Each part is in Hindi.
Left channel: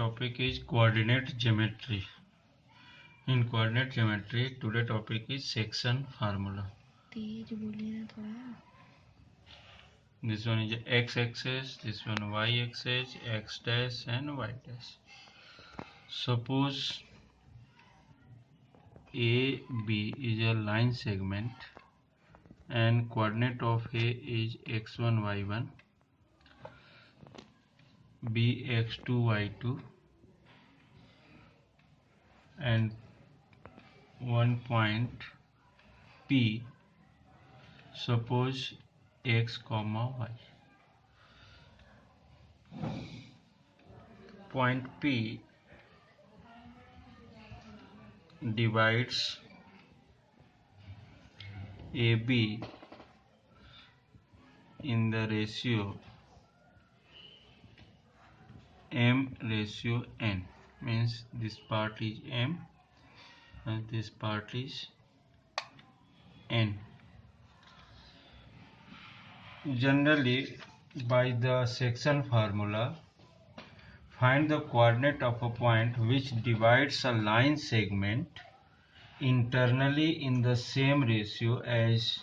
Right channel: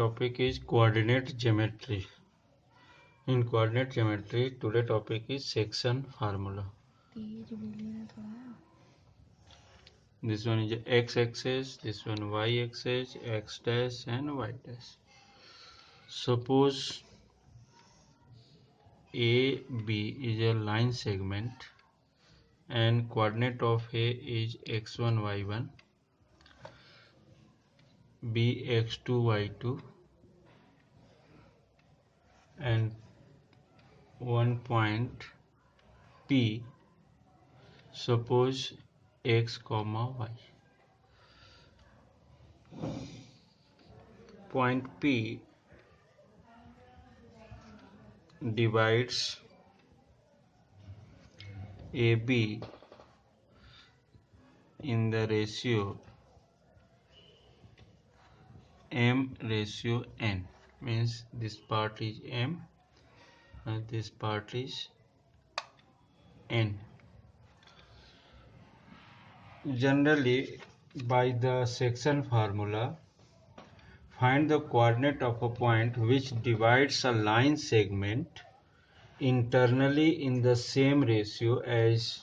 topic is coordinate geometry. In coordinate geometry, today topic is section formula. तेज बोलिए ना थोड़ा. This one is x-axis, this one y-axis, x dash and y dash. Suppose AB is a line segment and coordinate of A is x1, y1, B x2, y2, and one point P, suppose x comma y. Point P divides AB in the ratio m/n, means this part is m and this part is n. Generally, by the section formula, find the coordinate of a point which divides a line segment internally in the same ratio as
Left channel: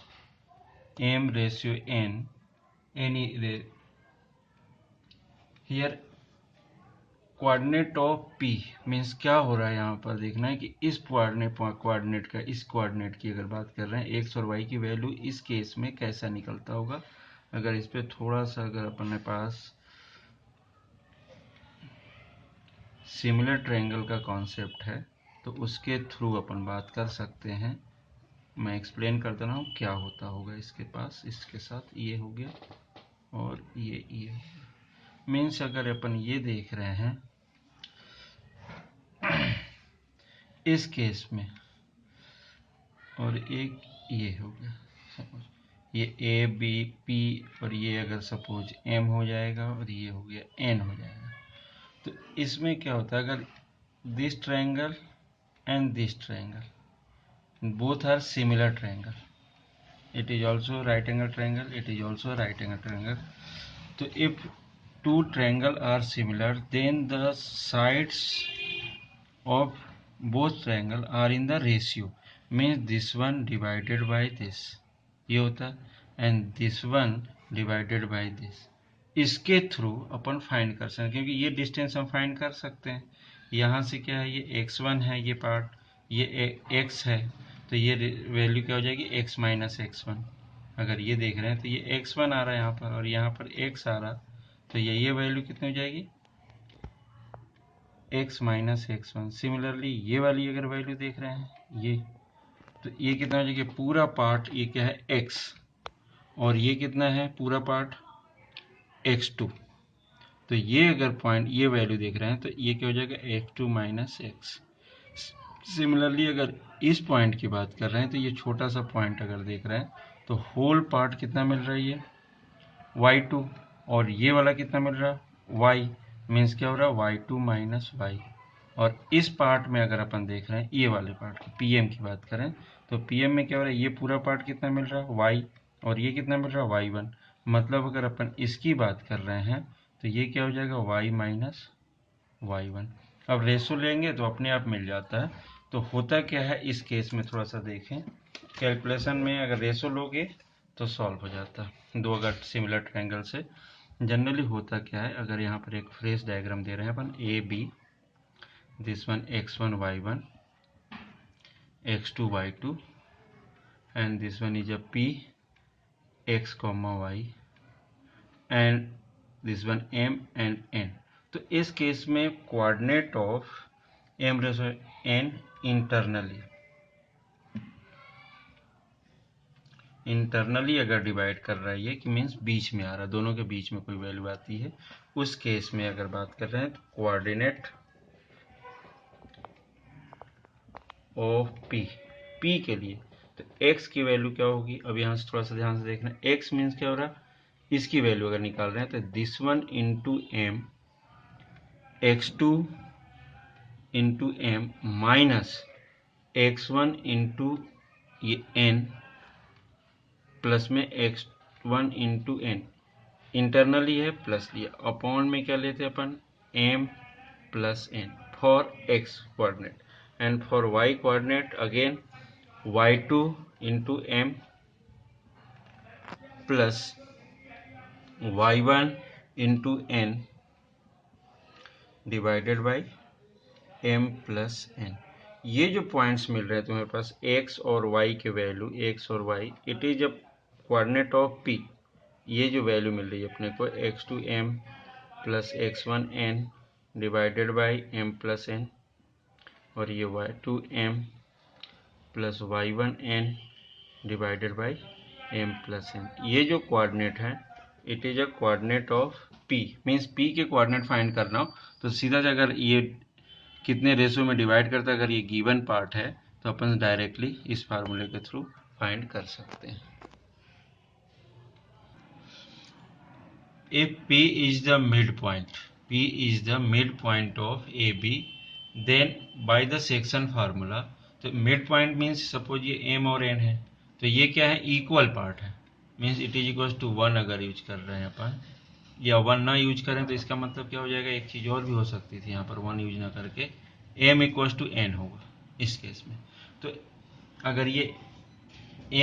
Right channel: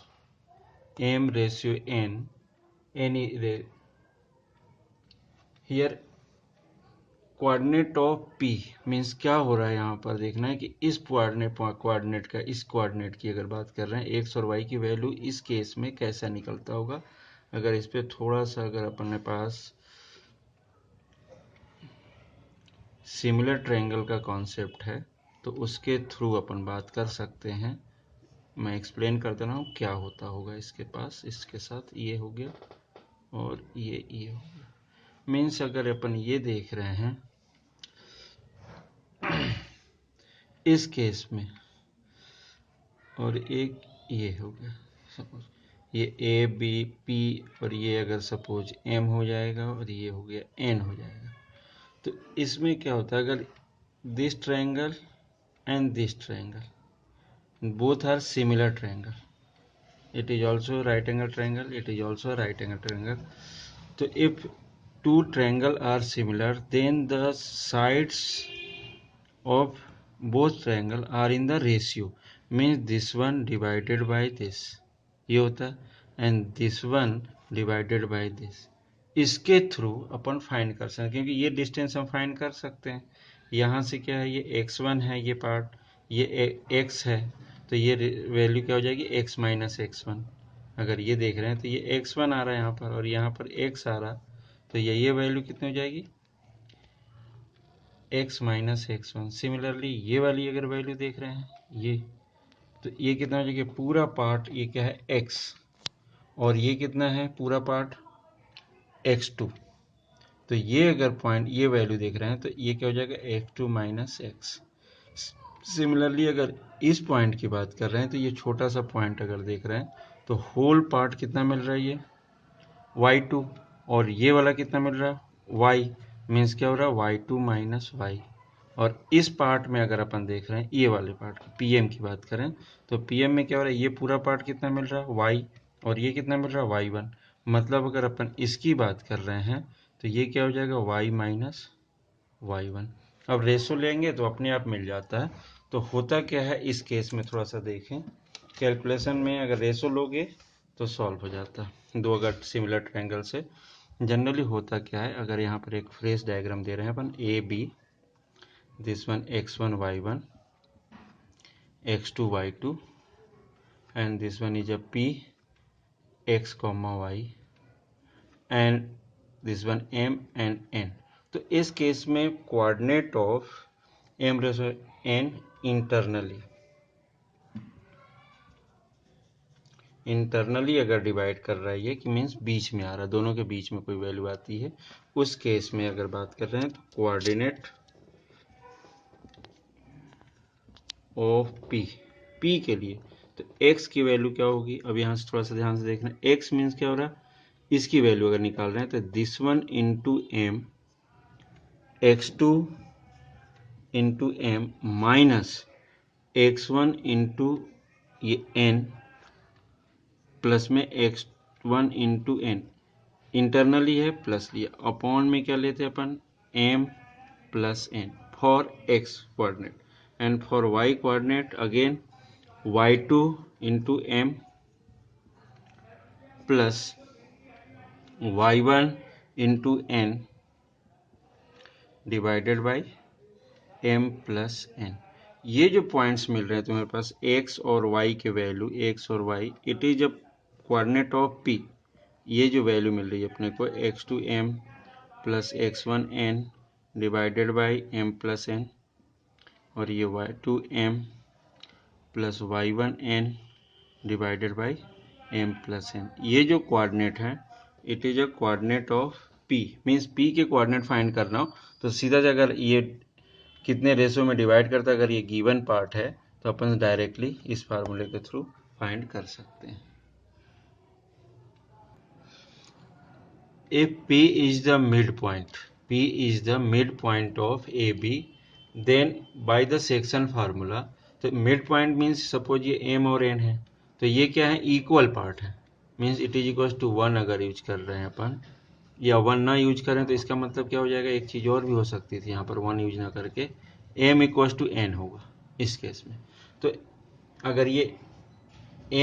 m/n. Here coordinate of P means क्या हो रहा है, यहाँ पर देखना है कि इस कोऑर्डिनेट का इस कोऑर्डिनेट की अगर बात कर रहे हैं x और y की वैल्यू इस केस में कैसा निकलता होगा. अगर इस पे थोड़ा सा अगर अपने पास सिमिलर ट्रायंगल का कॉन्सेप्ट है तो उसके थ्रू अपन बात कर सकते हैं. मैं एक्सप्लेन कर दे रहा हूँ क्या होता होगा इसके पास. इसके साथ ये हो गया और ये हो गया. मीन्स अगर अपन ये देख रहे हैं इस केस में और एक ये हो गया, सपोज ये ए बी पी और ये अगर सपोज एम हो जाएगा और ये हो गया एन हो जाएगा. तो इसमें क्या होता है, अगर this triangle and this triangle both are similar triangle, it is also right angle triangle, it is also right angle triangle. So if two triangle are similar, then the sides of both triangle are in the ratio, means this one divided by this ये होता है and this one divided by this. इसके थ्रू अपन फाइंड कर सकते हैं क्योंकि ये डिस्टेंस हम फाइंड कर सकते हैं. यहाँ से क्या है, ये x1 है, ये पार्ट ये x है, तो ये वैल्यू क्या हो जाएगी x माइनस x1. अगर ये देख रहे हैं तो ये x1 आ रहा है यहाँ पर और यहाँ पर x आ रहा, तो ये वैल्यू कितनी हो जाएगी x माइनस x1. सिमिलरली ये वाली अगर वैल्यू देख रहे हैं ये, तो ये कितना हो जाएगा, पूरा पार्ट ये क्या है x और ये कितना है पूरा पार्ट x2. तो ये अगर पॉइंट ये वैल्यू देख रहे हैं तो ये क्या हो जाएगा x2 माइनस x. सिमिलरली अगर इस पॉइंट की बात कर रहे हैं तो ये छोटा सा पॉइंट अगर देख रहे हैं तो होल पार्ट कितना मिल रहा है ये y2 और ये वाला कितना मिल रहा है y, मीन्स क्या हो रहा है y2 माइनस y. और इस पार्ट में अगर अपन देख रहे हैं ये वाले पार्ट की pm की बात करें तो pm में क्या हो रहा है, ये पूरा पार्ट कितना मिल रहा है y और ये कितना मिल रहा है y1. मतलब अगर अपन इसकी बात कर रहे हैं तो ये क्या हो जाएगा y माइनस y1. अब रेशो लेंगे तो अपने आप मिल जाता है. तो होता क्या है इस केस में थोड़ा सा देखें, कैलकुलेशन में अगर रेशो लोगे तो सॉल्व हो जाता है दो अगर सिमिलर ट्रायंगल से. जनरली होता क्या है, अगर यहाँ पर एक फ्रेश डायग्राम दे रहे हैं अपन A B, this one x1 y1, x2 y2 and this one is a p x comma y and this one m and n. तो इस केस में coordinate of m ratio n internally अगर डिवाइड कर रहा है ये कि मीन्स बीच में आ रहा है, दोनों के बीच में कोई वैल्यू आती है, उस केस में अगर बात कर रहे हैं तो कोऑर्डिनेट ऑफ p के लिए तो x की वैल्यू क्या होगी. अब यहाँ से थोड़ा सा ध्यान से देखना, x मीन्स क्या हो रहा है, इसकी वैल्यू अगर निकाल रहे हैं तो this one into m x2 into m minus x1 into ये n प्लस में x1 इंटू n इंटरनली है प्लस लिया अपॉन में क्या लेते हैं अपन m plus n for x coordinate, and for y coordinate again y2 into m plus y1 into n divided by m plus n। ये जो पॉइंट्स मिल रहे हैं तुम्हारे पास x और y के वैल्यू, x और y, it is a coordinate of p। ये जो वैल्यू मिल रही है अपने को x2m plus x1n divided by m plus n, और ये y2m plus y1n divided by m plus n। ये जो कोऑर्डिनेट है it is a coordinate of p। Means p के कोऑर्डिनेट फाइंड करना हो तो सीधा से अगर ये कितने रेशो में डिवाइड करता है, अगर ये गिवन पार्ट है तो अपन डायरेक्टली इस फार्मूले के थ्रू फाइंड कर सकते हैं। If P is the midpoint, P is the midpoint of AB, then by the section formula, तो midpoint means सपोज ये M और N है तो ये क्या है, इक्वल पार्ट है, means it is equal to 1। अगर यूज कर रहे हैं अपन, या 1 ना यूज करें तो इसका मतलब क्या हो जाएगा, एक चीज़ और भी हो सकती थी, यहाँ पर 1 यूज ना करके M इक्वल टू N होगा इस केस में। तो अगर ये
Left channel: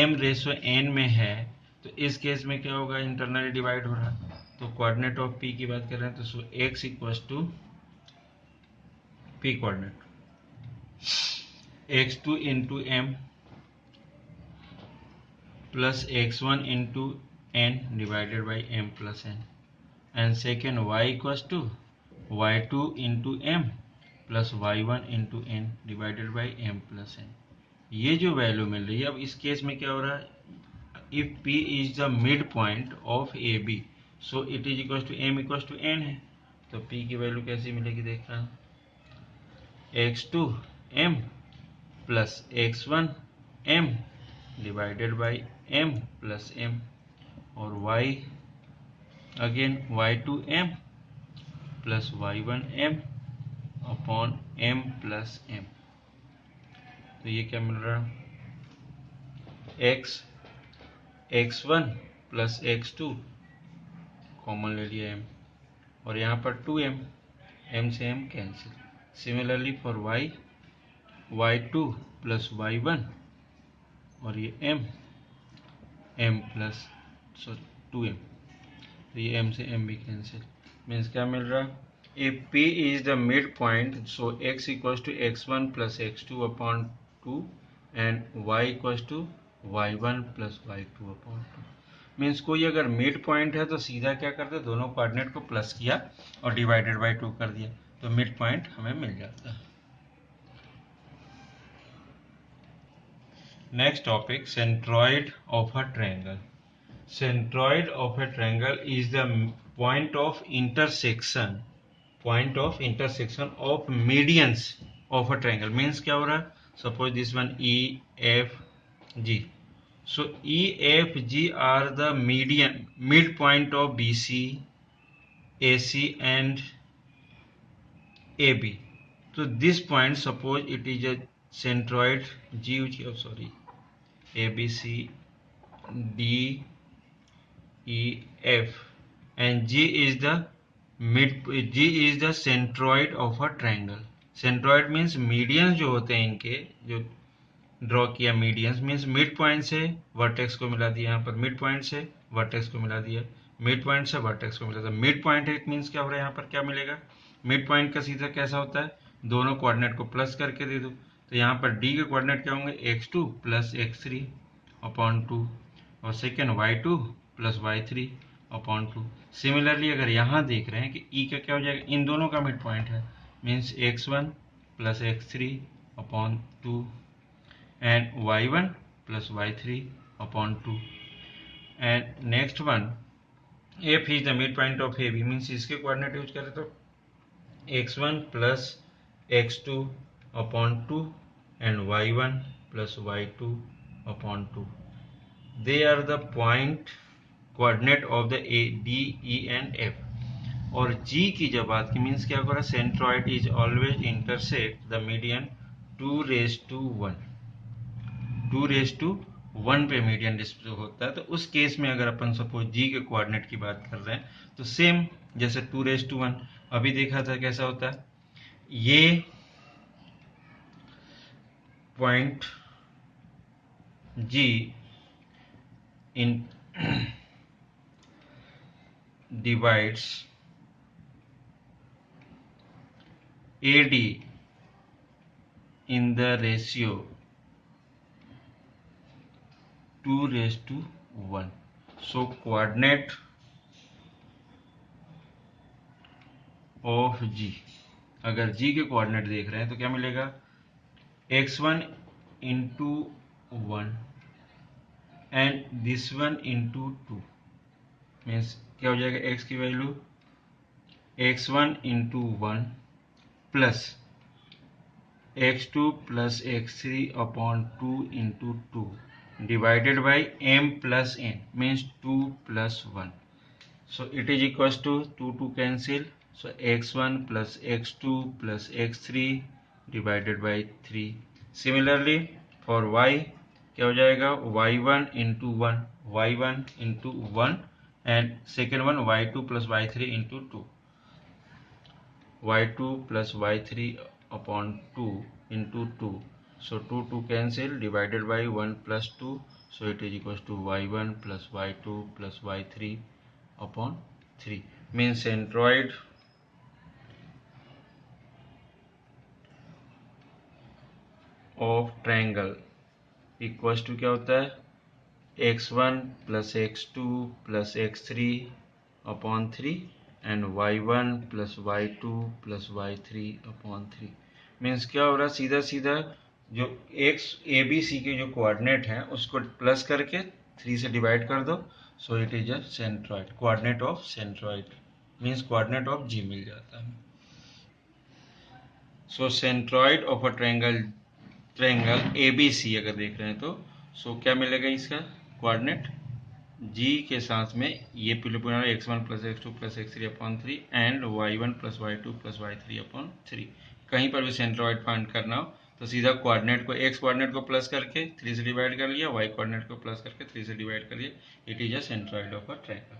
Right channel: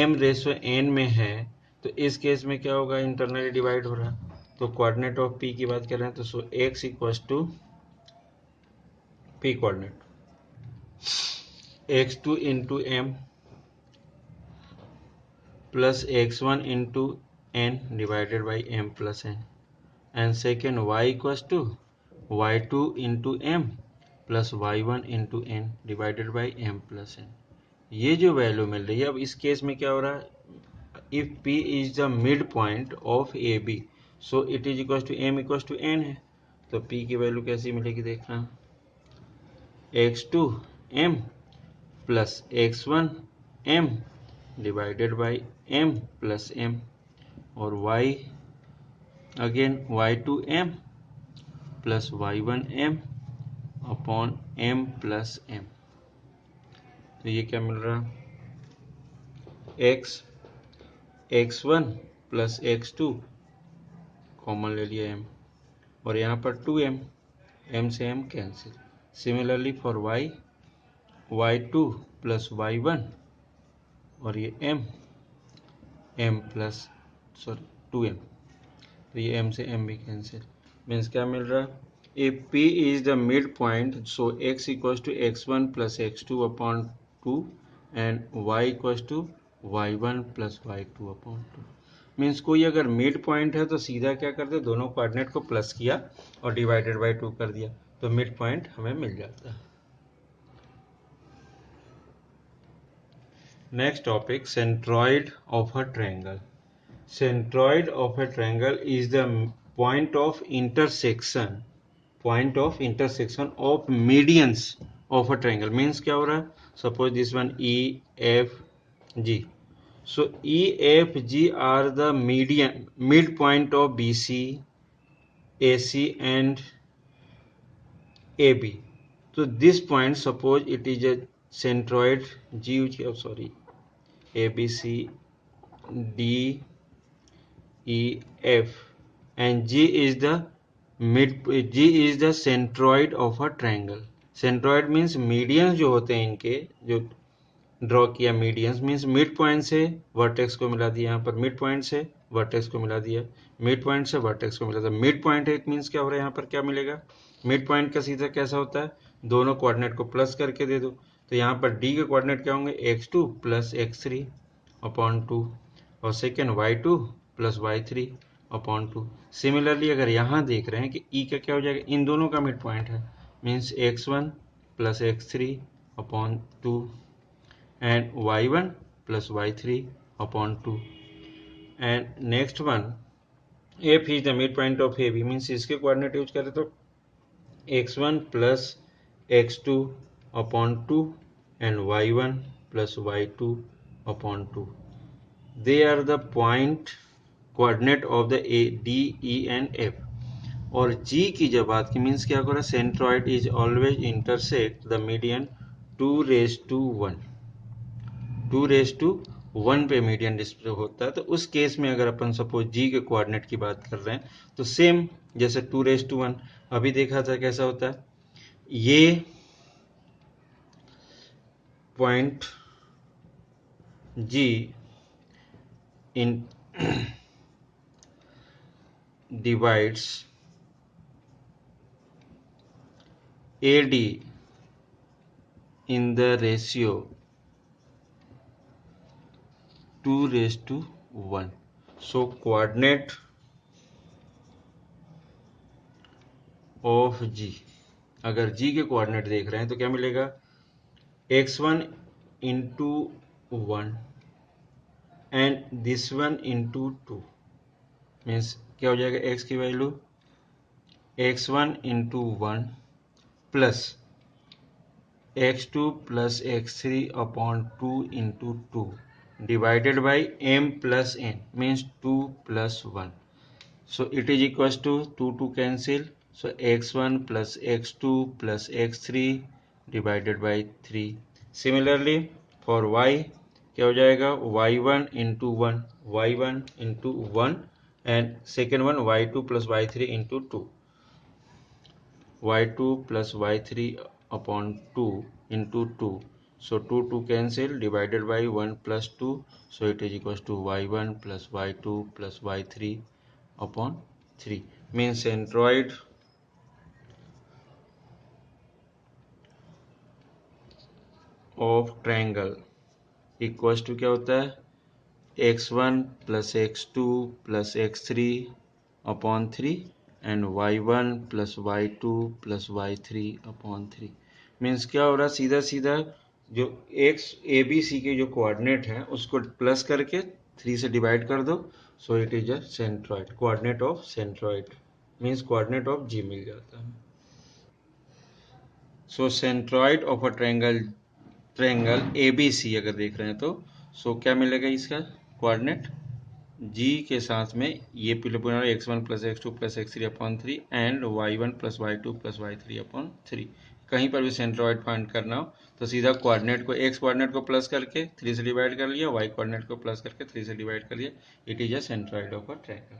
M रेशो N में है तो इस केस में क्या होगा, इंटरनली डिवाइड हो रहा है। तो कोऑर्डिनेट ऑफ P की बात कर रहे हैं तो x equal to P coordinate x2 into m plus x1 into n divided by m plus n, and second y equal to y2 into m plus y1 into n divided by m plus n। ये जो वैल्यू मिल रही है, अब इस केस में क्या हो रहा है, if P is the midpoint of AB, so it is equal to m equal to n है। तो P की वैल्यू कैसी मिलेगी देखना, x2 m plus x1 m divided by m plus m, और y again y2 m plus y1 m upon m plus m। तो ये क्या मिल रहा है, x1 प्लस x2 कॉमन ले लिया m, और यहाँ पर 2m, m से m cancel. Similarly for y, y2 plus y1, और ये m प्लस 2m, तो ये m से m भी कैंसिल। मीन्स क्या मिल रहा है, if P is the midpoint, so x equals to x1 plus x2 upon 2 and y equals to y1 plus y2 upon 2। Means कोई अगर मिड पॉइंट है तो सीधा क्या करते, दोनों कोऑर्डिनेट को प्लस किया और डिवाइडेड बाई 2 कर दिया तो मिड पॉइंट हमें मिल जाता है। Next topic, centroid of a triangle. Centroid of a triangle is the point of intersection of medians of a triangle. Means क्या हो रहा है, suppose this one EFG, so EFG are the midpoint of BC, AC and AB। so this point, suppose it is a centroid ABC D E F, and G is the centroid of a triangle। centroid means medians जो होते हैं इनके, जो ड्रॉ किया मीडियंस, मीन्स मिड पॉइंट से वर्टेक्स को मिला दिया, यहाँ पर मिड पॉइंट से वर्टेक्स को मिला दिया, मिड पॉइंट से वर्टेक्स को मिला दिया। मिड पॉइंट है, इट मीन्स क्या हो रहा है, यहाँ पर क्या मिलेगा, मिड पॉइंट का सीधा कैसा होता है, दोनों कोऑर्डिनेट को प्लस करके दे दो। तो यहाँ पर D के कोऑर्डिनेट क्या होंगे, x2 प्लस x3 अपॉन 2, और second y2 plus y3 upon 2। Similarly अगर यहाँ देख रहे हैं कि E का क्या हो जाएगा, इन दोनों का मिड पॉइंट है, means x1 plus x3 upon 2 and y1 plus y3 upon 2, and next one F is the midpoint of AB, means इसके कोऑर्डिनेट यूज करें तो x1 plus x2 upon 2 and y1 plus y2 upon 2, they are the point coordinate of the A, D, E and F। और G की जब बात की, मीन्स क्या करा, centroid is always intersect the median 2:1, 2:1 पे मीडियन डिस्प्ले होता है। तो उस केस में अगर अपन सपोज G के कोऑर्डिनेट की बात कर रहे हैं तो सेम जैसे 2:1 अभी देखा था कैसा होता है, ये point G in divides AD in the ratio 2:1. So coordinate of G, अगर G के कोऑर्डिनेट देख रहे हैं तो क्या मिलेगा, x1 into 1 and this one into 2, means क्या हो जाएगा, x की value x1 into 1 plus x2 plus x3 upon 2 into 2 divided by m plus n, means 2 plus 1. So it is equals to 2 cancel. So x1 plus x2 plus x3 divided by 3. Similarly for y क्या हो जाएगा, y1 into 1, y1 into 1 and second one y2 plus y3 into 2, y2 plus y3 upon 2 into 2. So 2 cancel, divided by 1 plus 2. So it is equals to y1 plus y2 plus y3 upon 3. Means centroid of triangle equals to क्या होता है, x1 plus x2 plus x3 upon 3 and y1 plus y2 plus y3 upon 3. Means क्या हो रहा है, सीधा सीधा जो x ए बी सी के जो कोऑर्डिनेट हैं उसको प्लस करके 3 से डिवाइड कर दो. So it is a centroid, coordinate of centroid means coordinate of G मिल जाता है. So centroid of a triangle ABC अगर देख रहे हैं तो सो क्या मिलेगा, इसका कोऑर्डिनेट G के साथ में ये पिलोपुनर x1 plus x2 plus x3 upon 3 and y1 plus y2 plus y3 upon 3. कहीं पर भी सेंट्रॉइड फाइंड करना हो तो सीधा कोऑर्डिनेट को, x कोऑर्डिनेट को प्लस करके 3 से डिवाइड कर लिया, y कोऑर्डिनेट को प्लस करके 3 से डिवाइड कर लिया. It is a centroid of a triangle.